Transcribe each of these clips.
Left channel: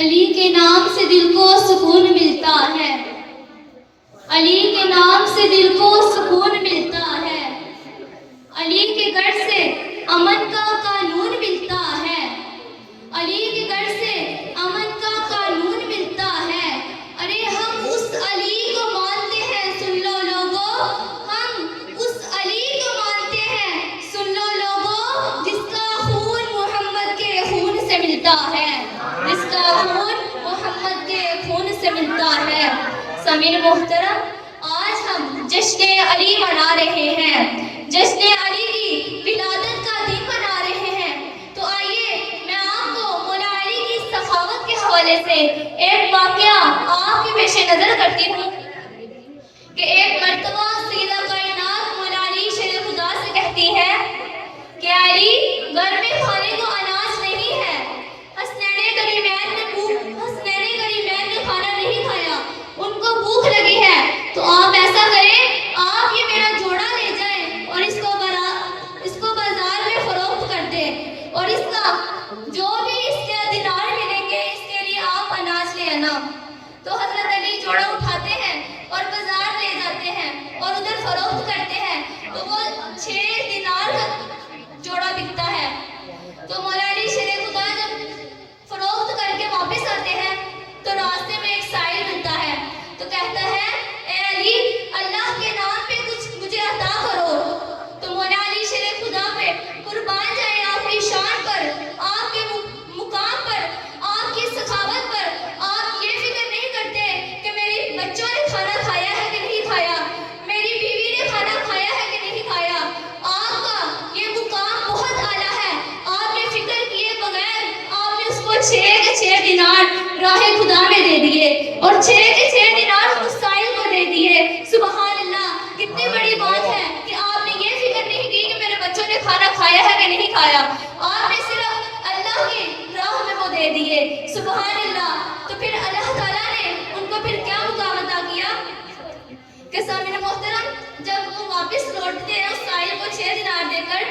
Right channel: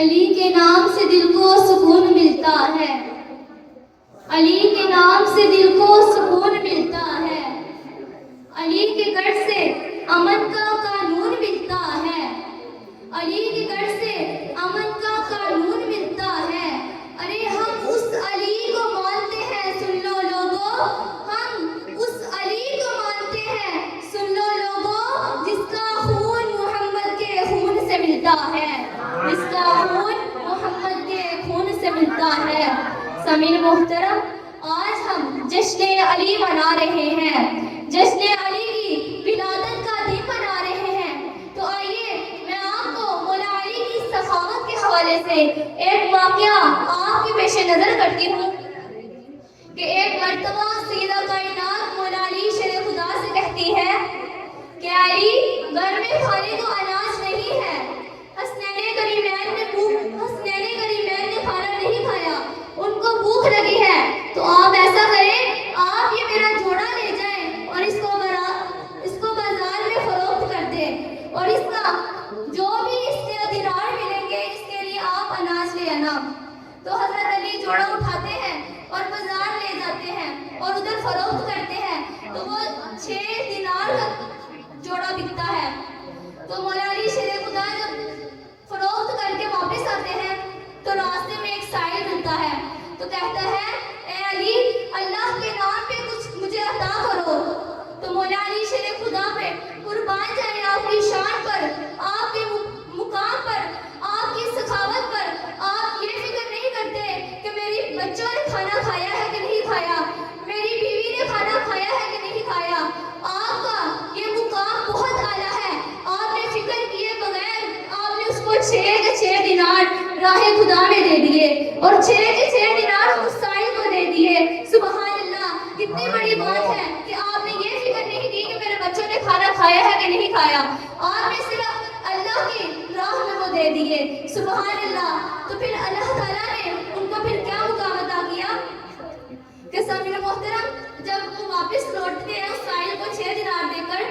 علی کے نام سے دل کو سکون ملتا ہے، علی کے نام سے دل کو سکون ملتا ہے، علی کے گھر سے امن کا قانون ملتا ہے، علی کے گھر سے امن کا قانون ملتا ہے۔ ارے ہم اس علی کو مانتے ہیں، سن لو لوگوں، ہم اس علی کو مانتے ہیں، سن لو لوگوں، جس کا خون محمد کے خون سے ملتا ہے، جس کا خون محمد کے خون سے ملتا ہے۔ سامعین محترم، آج ہم جشن علی منا رہے ہیں، جشن علی کی ولادت کا دن منا رہے ہیں۔ تو آئیے میں آپ کو مولا علی کی سخاوت کے حوالے سے ایک واقعہ آپ کے پیش نظر کرتی ہوں کہ ایک مرتبہ سیدہ کائنات مولا علی شیر خدا سے کہتی ہے کہ علی، گھر میں کھانے کو اناج نہیں ہے، حسنین کریمین نے کھانا نہیں کھایا، ان کو بھوک لگی ہے، تو آپ ایسا کریں، آپ یہ میرا جوڑا لے جائیں اور اس کو بازار میں فروخت کر دیں، اور اس کا جو بھی اس کے دینار ملیں گے اس کے لیے آپ اناج لے آنا۔ تو حضرت علی جوڑا اٹھاتے ہیں اور بازار لے جاتے ہیں اور ادھر فروخت کرتے ہیں، تو وہ 6 دینار کا جوڑا بکتا ہے۔ تو مولا علی شیر خدا جب فروخت کر کے واپس آتے ہیں تو راستے میں ایک سائل ملتا ہے، تو کہتا ہے، اے علی، اللہ کے نام پہ کچھ مجھے عطا کرو۔ تو مولا علی شیر خدا پہ قربان جائیں آپ کی شان پر، آپ کے مقام پر، آپ کی سخاوت پر، آپ یہ فکر نہیں کرتے کہ میری بچوں نے کھانا کھایا ہے کہ نہیں کھایا، میری بیوی نے کھانا کھایا ہے کہ نہیں کھایا۔ آپ کا یہ مقام بہت اعلیٰ ہے، آپ نے فکر کیے بغیر آپ نے اس کو 6 کے 6 دینار راہ خدا میں دے دیے اور 6 کے 6 دینار اس سائل کو دے دیے۔ سبحان اللہ، کتنی بڑی بات ہے کہ آپ نے یہ فکر نہیں کی کہ میرے بچوں نے کھانا کھایا ہے کہ نہیں کھایا، آپ نے صرف اللہ کی راہ میں وہ دے دیے۔ سبحان اللہ۔ تو پھر اللہ تعالیٰ نے ان کو پھر کیا مقام عطا کیا کہ سامعین محترم، جب وہ واپس لوٹتے ہیں اس سائل کو 6 دینار دے کر،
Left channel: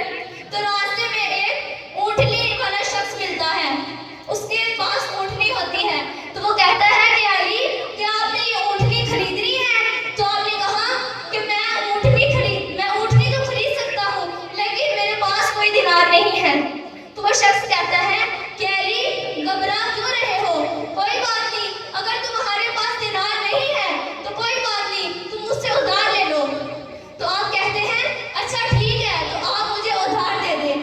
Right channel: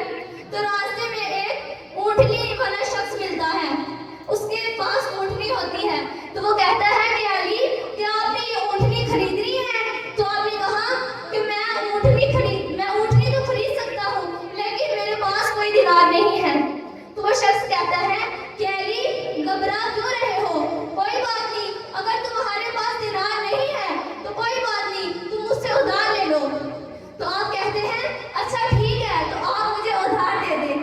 تو راستے میں ایک اونٹنی والا شخص ملتا ہے، اس کے پاس اونٹنی ہوتی ہے، تو وہ کہتا ہے کہ علی، کیا آپ نے یہ اونٹنی خریدنی ہے؟ تو آپ نے کہا کہ میں اونٹنی تو خرید سکتا ہوں، لیکن میرے پاس کوئی دینار نہیں ہے۔ تو وہ شخص کہتا ہے کہ علی، گھبرا کیوں رہے ہو؟ کوئی بات نہیں، اگر تمہارے پاس دینار نہیں ہے تو کوئی بات نہیں، تم مجھ سے ادھار لے لو۔ تو آپ کہتے ہیں، اچھا ٹھیک ہے، تو آپ مجھے ادھار دے دیں۔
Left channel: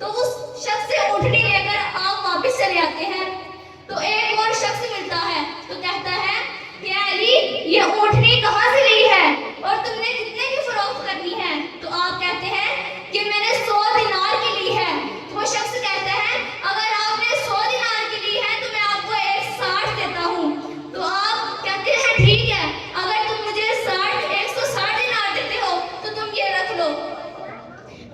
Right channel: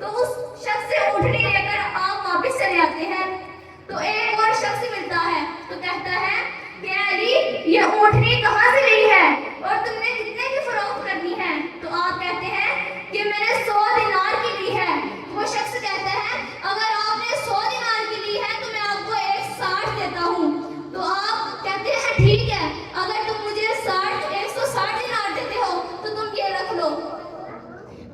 تو اس شخص سے اونٹنی لے کر آپ واپس چلے آتے ہیں، تو ایک اور شخص ملتا ہے، تو کہتا ہے کہ علی، یہ اونٹنی کہاں سے لی ہے اور تم نے کتنے کی فروخت کرنی ہے؟ تو آپ کہتے ہیں کہ میں نے 100 دینار کی لی ہے۔ تو وہ شخص کہتا ہے، اگر آپ نے 100 دینار کی لی ہے تو میں آپ کو 160 دیتا ہوں۔ تو آپ کہتے ہیں ٹھیک ہے، اگر تم مجھے 160 دینار دیتے ہو تو تم یہ رکھ لو۔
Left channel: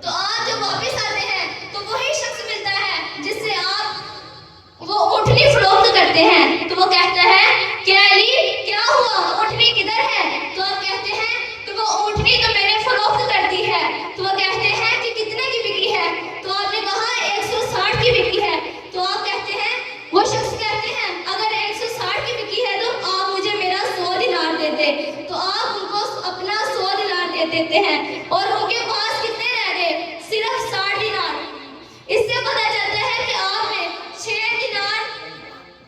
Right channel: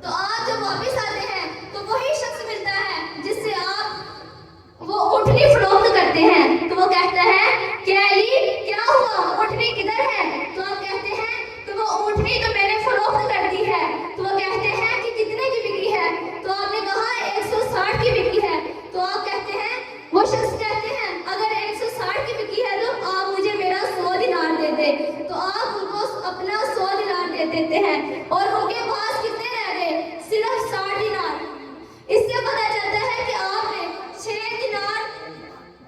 تو آپ جب واپس آتے ہیں تو وہی شخص ملتا ہے جس سے آپ وہ اونٹنی فروخت کرتے ہیں، تو وہ کہتا ہے کہ علی، کیا ہوا، اونٹنی کدھر ہے؟ تو آپ کہتے ہیں کہ وہ اونٹنی تو میں نے فروخت کر دی ہے۔ تو وہ کہتے ہیں کہ کتنے کی بکی ہے؟ تو آپ نے کہا 160 کی بکی ہے۔ تو آپ کہتے ہیں، وہ شخص کہتے ہیں، اگر 160 کی بکی ہے تو آپ مجھے میرا 100 دینار دے دے۔ تو آپ ان کو اپنا 100 دینار دے دیتے ہیں اور ان کے پاس کتنے رہ گئے؟ صرف 60 دینار۔ اس سے پتہ چلتا ہے کہ آپ نے 6 دینار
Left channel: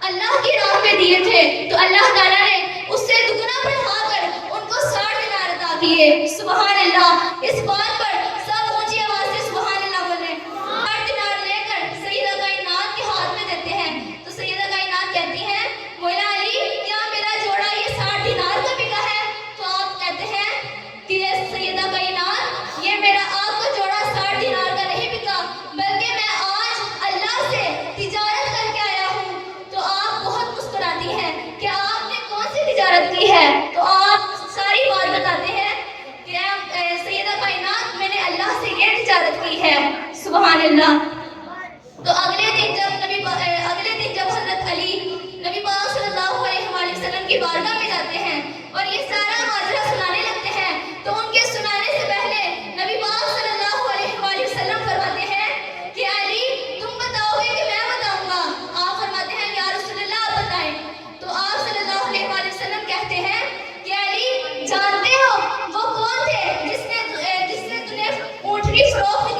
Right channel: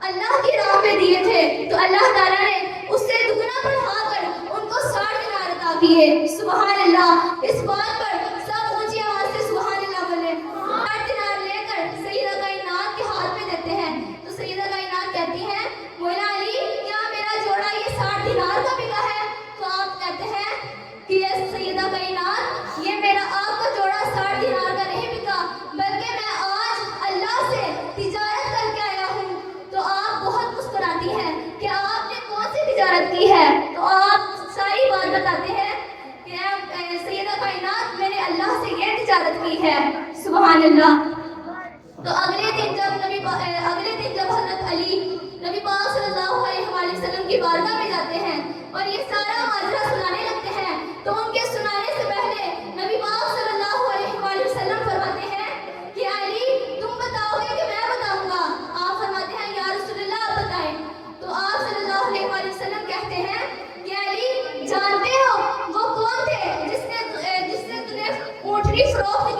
اللہ کی راہ میں دیے تھے، تو اللہ تعالیٰ نے اس سے دگنا بڑھا کر ان کو 60 دینار عطا کیے۔ سبحان اللہ۔ اس بات پر سب اونچی آواز سے سبحان اللہ بولیں۔ 60 دینار لے کر سیدہ کائنات کے ہاتھ میں دیتے ہیں، تو سیدہ کائنات کہتی ہیں، مولا علی، کیا میرا جوڑا یہ 60 دینار کا بکا ہے؟ تو آپ کہتے ہیں کہ سیدہ کائنات، یہ میرا آپ کا جوڑا 60 دینار کا نہیں بکا، بلکہ میں آج اللہ سے تجارت کر کے آیا ہوں۔ تو آپ بہت مسکراتی ہیں کہ آپ نے کون سی تجارت کی ہے؟ تو آپ ساری بات بتاتے ہیں کہ سیدہ کائنات، میں نے اللہ سے یہ تجارت کی ہے۔ سبحان اللہ۔ تو اگلے دن جب حضرت علی نبی پاک صلی اللہ علیہ وآلہ وسلم کی بارگاہ میں جاتے ہیں اور یہ سارا ماجرا سنانے لگتے ہیں، تو ان کے سنانے سے پہلے نبی پاک صلی اللہ علیہ وآلہ وسلم فرماتے ہیں کہ علی، تم بتاؤ گے کہ میں بتاؤں گا؟ آپ فرماتے ہیں، یا رسول اللہ، بھی فروخت